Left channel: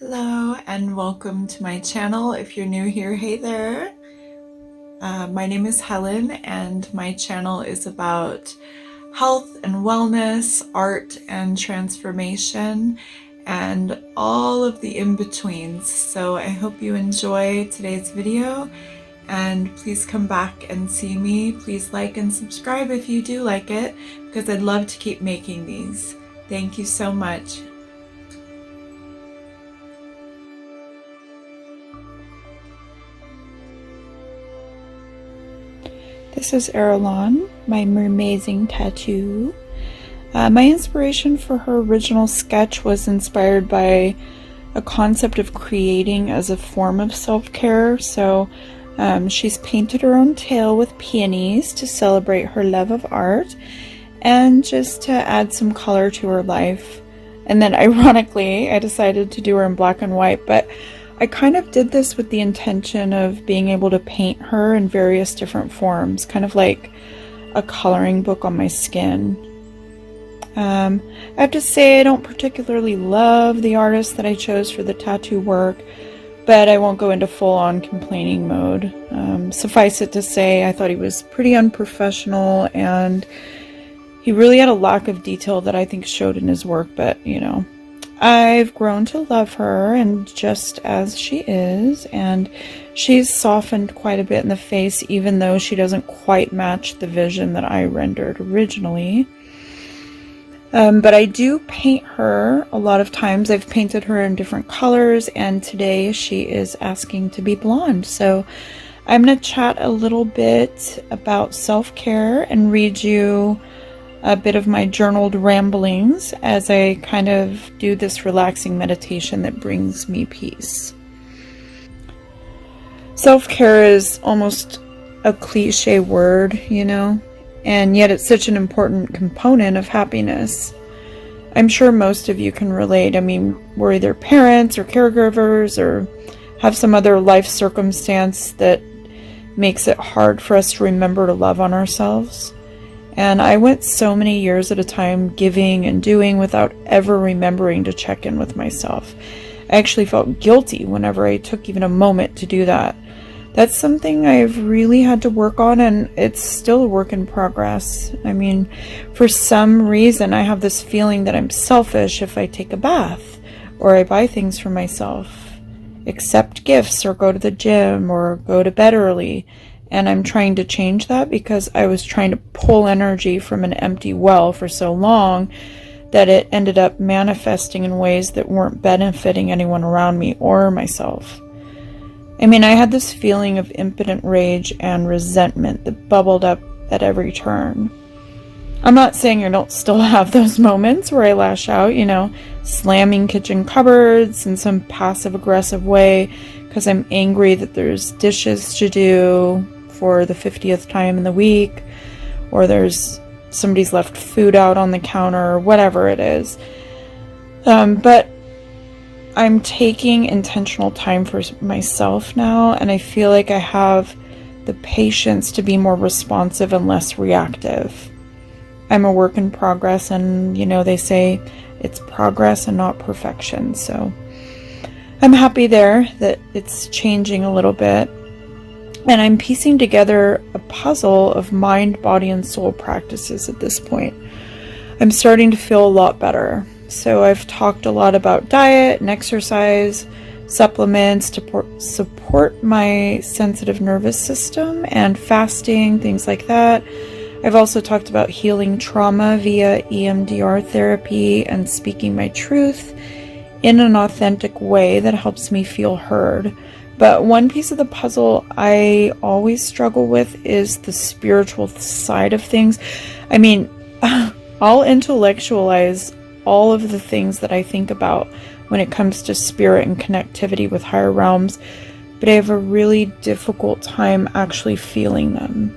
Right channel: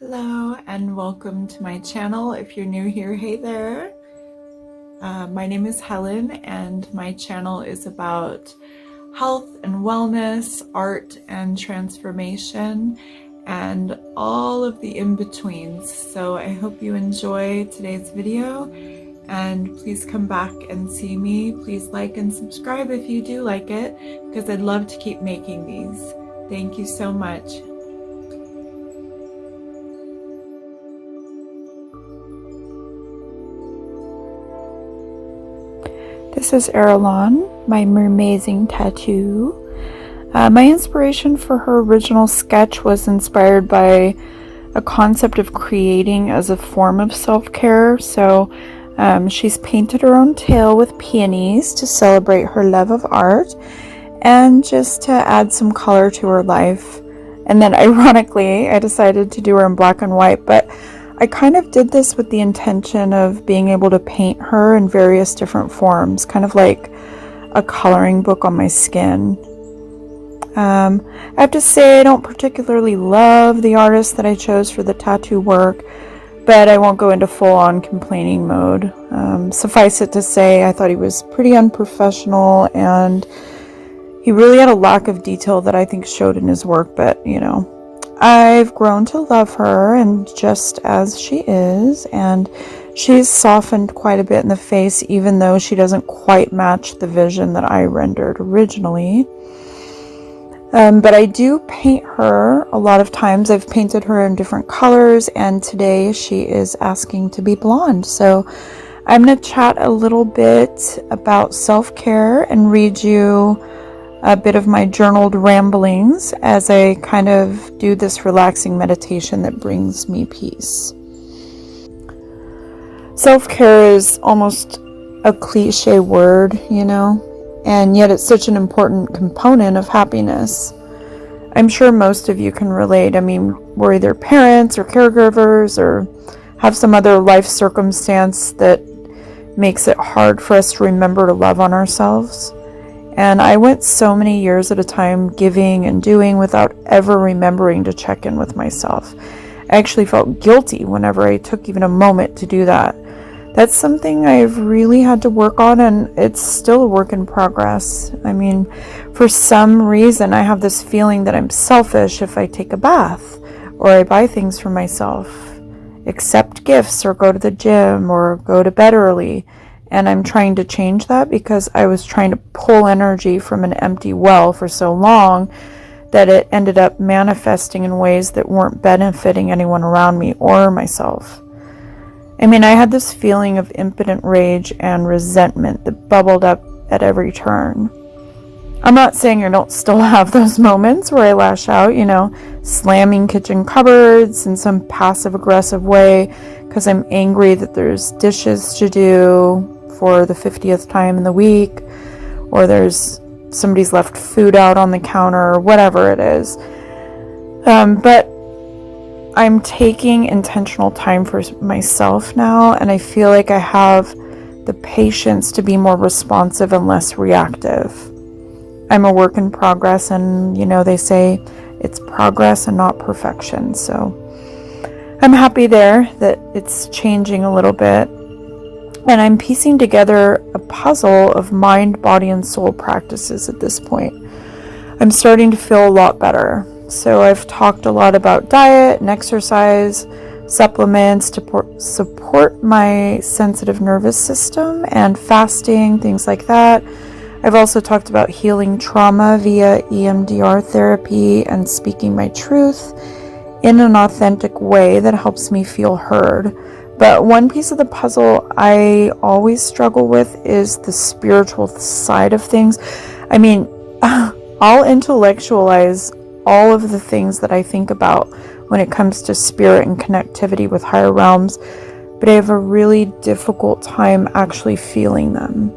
Hello and welcome to my channel. If you're new here, hey there. My name is Helen and my channel is about health and wellness, art and transformation, and all of the in-betweens. So I hope you enjoy today's video and please come back and see me. Please like and subscribe if you do like it, because I'd love to keep making these. Thank you so much. This is Erlon, my mermazing tattoo. My inspiration for her original sketch was inspired by a concept of creating as a form of self-care. So she's painted her own tail with peonies to celebrate her love of art and just to add some color to her life. And then ironically, I decided to do her in black and white, but I kind of did this with the intention of being able to paint her in various different forms, kind of like a coloring book on my skin. I have to say I don't particularly love the artist that I chose for the tattoo work, but I won't go into full-on complaining mode. Suffice it to say, I thought he was pretty unprofessional and he really had a lack of detail that I think showed in his work, but you know. I've grown to love her and just as she is, and she's softened quite a bit in the face, even though she doesn't quite match the vision that I rendered originally. But I do paint her a lot of times. I've painted her in different colors, and today she is asking to be blonde. So I'm going to chat a little bit about self-care and read you a bit of my journaled ramblings as I kind of do this relaxing meditation that brings me peace. Self-care is almost a cliche word, you know, and yet it's such an important component of happiness. I'm sure most of you can relate. I mean, we're either parents or caregivers or have some other life circumstance that makes it hard for us to remember to love on ourselves. And I went so many years at a time giving and doing without ever remembering to check in with myself. I actually felt guilty whenever I took even a moment to do that. That's something I've really had to work on, and it's still a work in progress. I mean, for some reason, I have this feeling that I'm selfish if I take a bath or I buy things for myself, accept gifts or go to the gym or go to bed early. And I'm trying to change that because I was trying to pull energy from an empty well for so long that it ended up manifesting in ways that weren't benefiting anyone around me or myself. I mean, I had this feeling of impotent rage and resentment that bubbled up at every turn. I'm not saying I don't still have those moments where I lash out, you know, slamming kitchen cupboards in some passive-aggressive way because I'm angry that there's dishes to do for the 50th time in the week, or there's somebody's left food out on the counter, or whatever it is. But I'm taking intentional time for myself now, and I feel like I have the patience to be more responsive and less reactive. I'm a work in progress, and you know, they say it's progress and not perfection. So I'm happy there that it's changing a little bit. And I'm piecing together a puzzle of mind, body, and soul practices at this point. I'm starting to feel a lot better. So I've talked a lot about diet and exercise, supplements to support my sensitive nervous system, and fasting, things like that. I've also talked about healing trauma via EMDR therapy and speaking my truth in an authentic way that helps me feel heard. But one piece of the puzzle I always struggle with is the spiritual side of things. I mean, I'll intellectualize all of the things that I think about when it comes to spirit and connectivity with higher realms, but I have a really difficult time actually feeling them.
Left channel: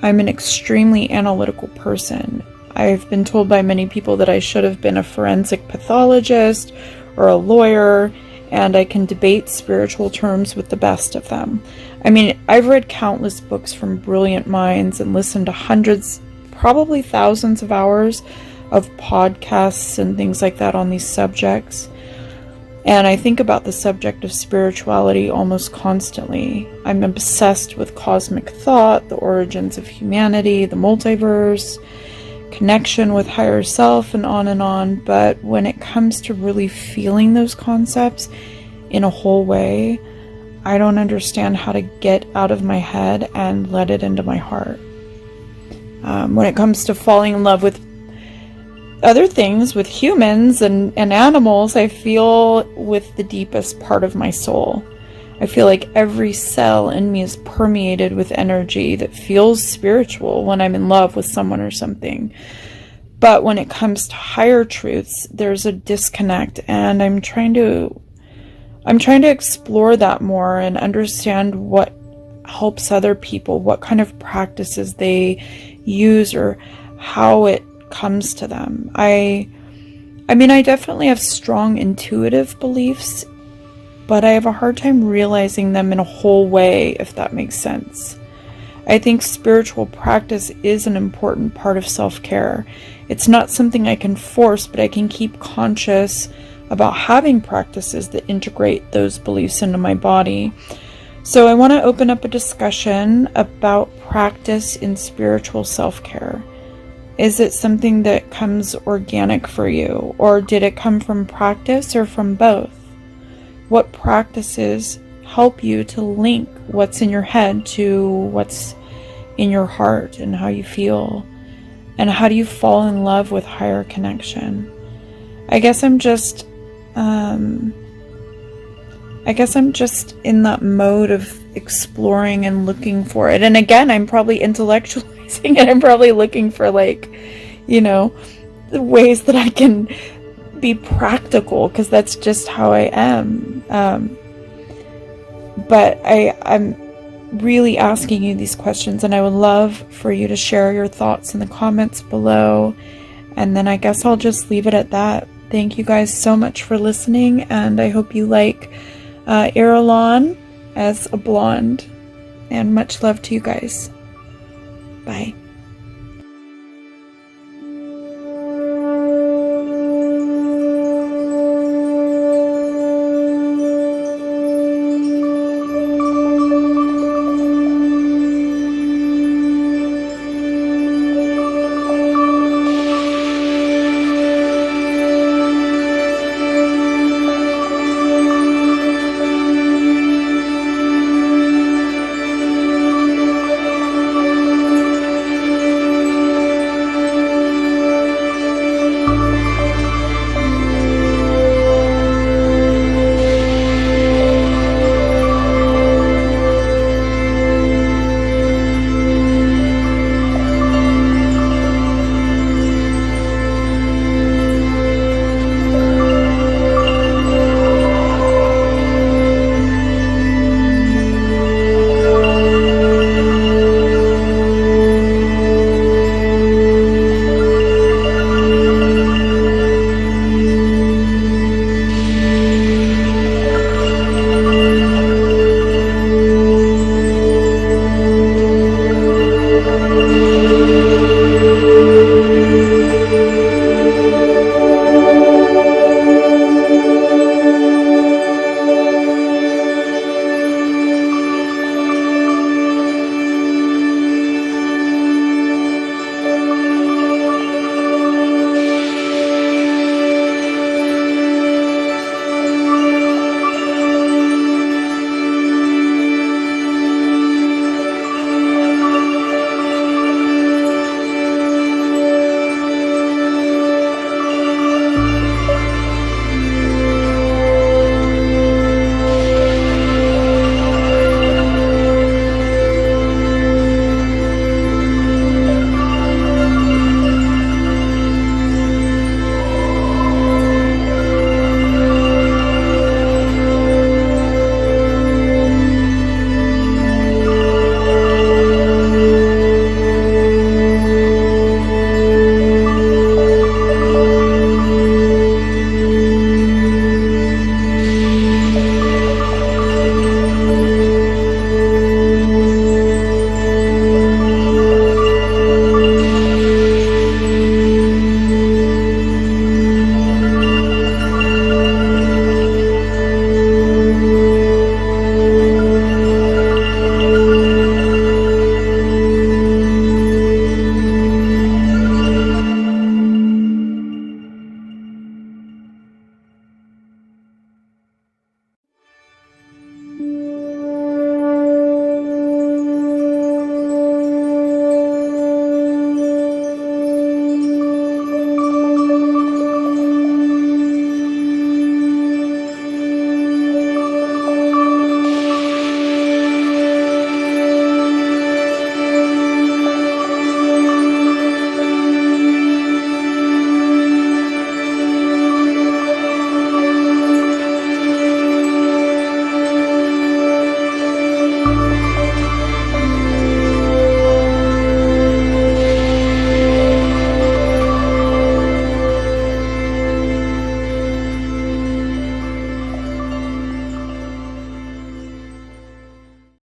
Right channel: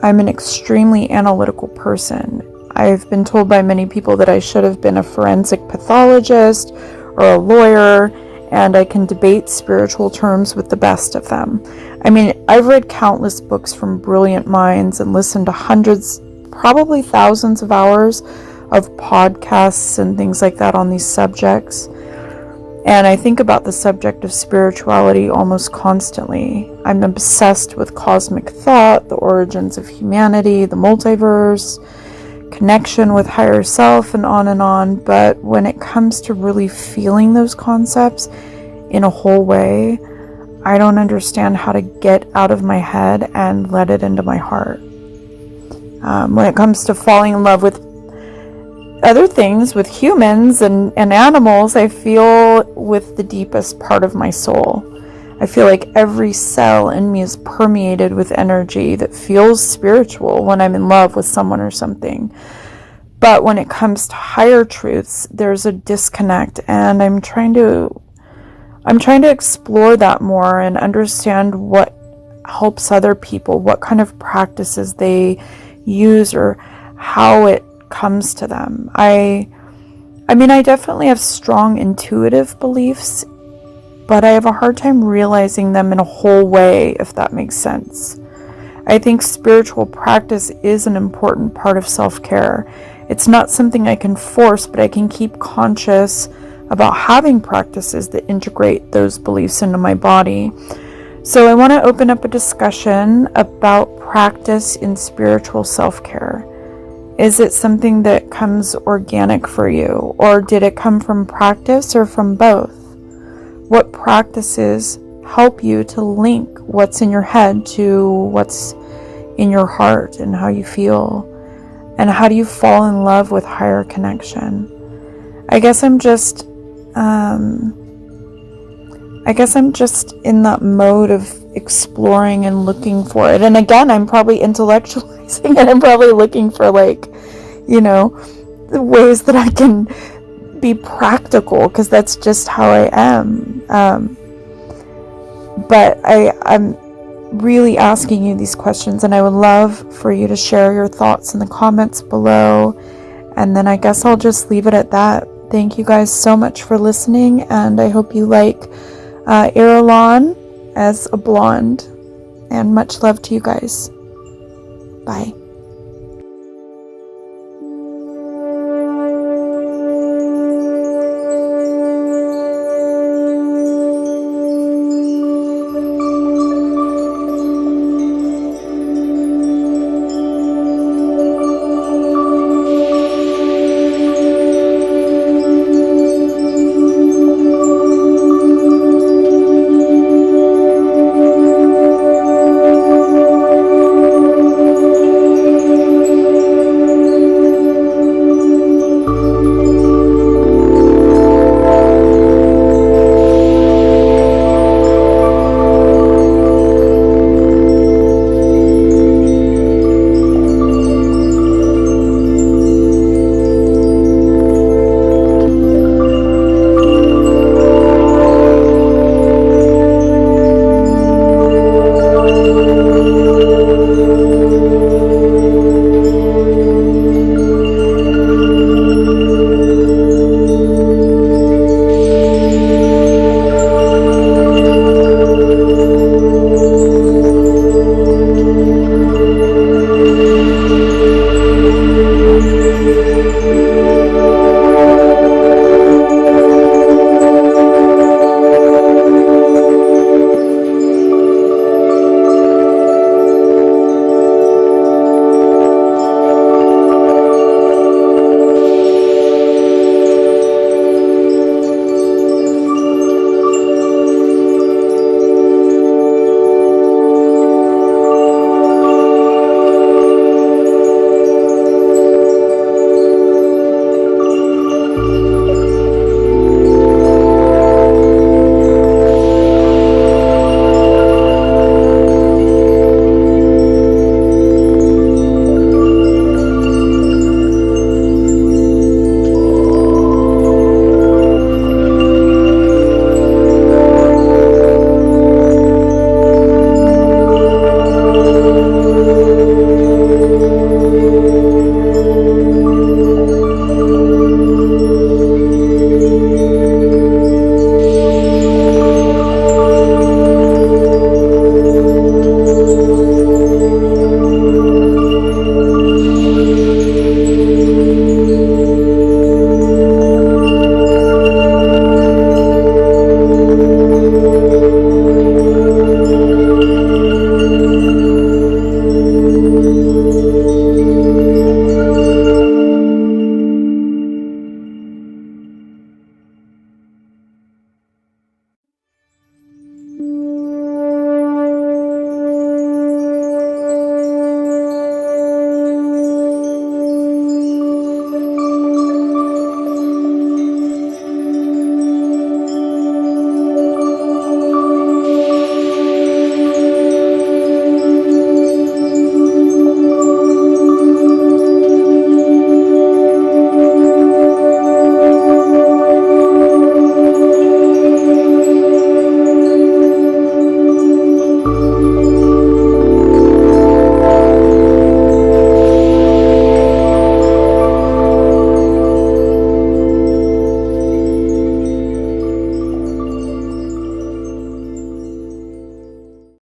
I'm an extremely analytical person. I've been told by many people that I should have been a forensic pathologist or a lawyer, and I can debate spiritual terms with the best of them. I mean, I've read countless books from brilliant minds and listened to hundreds, probably thousands of hours of podcasts and things like that on these subjects. And I think about the subject of spirituality almost constantly. I'm obsessed with cosmic thought, the origins of humanity, the multiverse, connection with higher self, and on and on. But when it comes to really feeling those concepts in a whole way, I don't understand how to get out of my head and let it into my heart. When it comes to falling in love with other things, with humans and animals, I feel with the deepest part of my soul. I feel like every cell in me is permeated with energy that feels spiritual when I'm in love with someone or something. But when it comes to higher truths, there's a disconnect, and I'm trying to explore that more and understand what helps other people, what kind of practices they use, or how it comes to them. I mean, I definitely have strong intuitive beliefs, but I have a hard time realizing them in a whole way, if that makes sense. I think spiritual practice is an important part of self-care. It's not something I can force, but I can keep conscious about having practices that integrate those beliefs into my body. So I want to open up a discussion about practice in spiritual self-care. Is it something that comes organic for you, or did it come from practice, or from both? What practices help you to link what's in your head to what's in your heart and how you feel? And how do you fall in love with higher connection? I guess I'm just in that mode of exploring and looking for it. And again, I'm probably intellectualizing it. I'm probably looking for, like, the ways that I can be practical, because that's just how I am. But I'm really asking you these questions, and I would love for you to share your thoughts in the comments below. And then I guess I'll just leave it at that. Thank you guys so much for listening, and I hope you like Irulan as a blonde. And much love to you guys. Bye.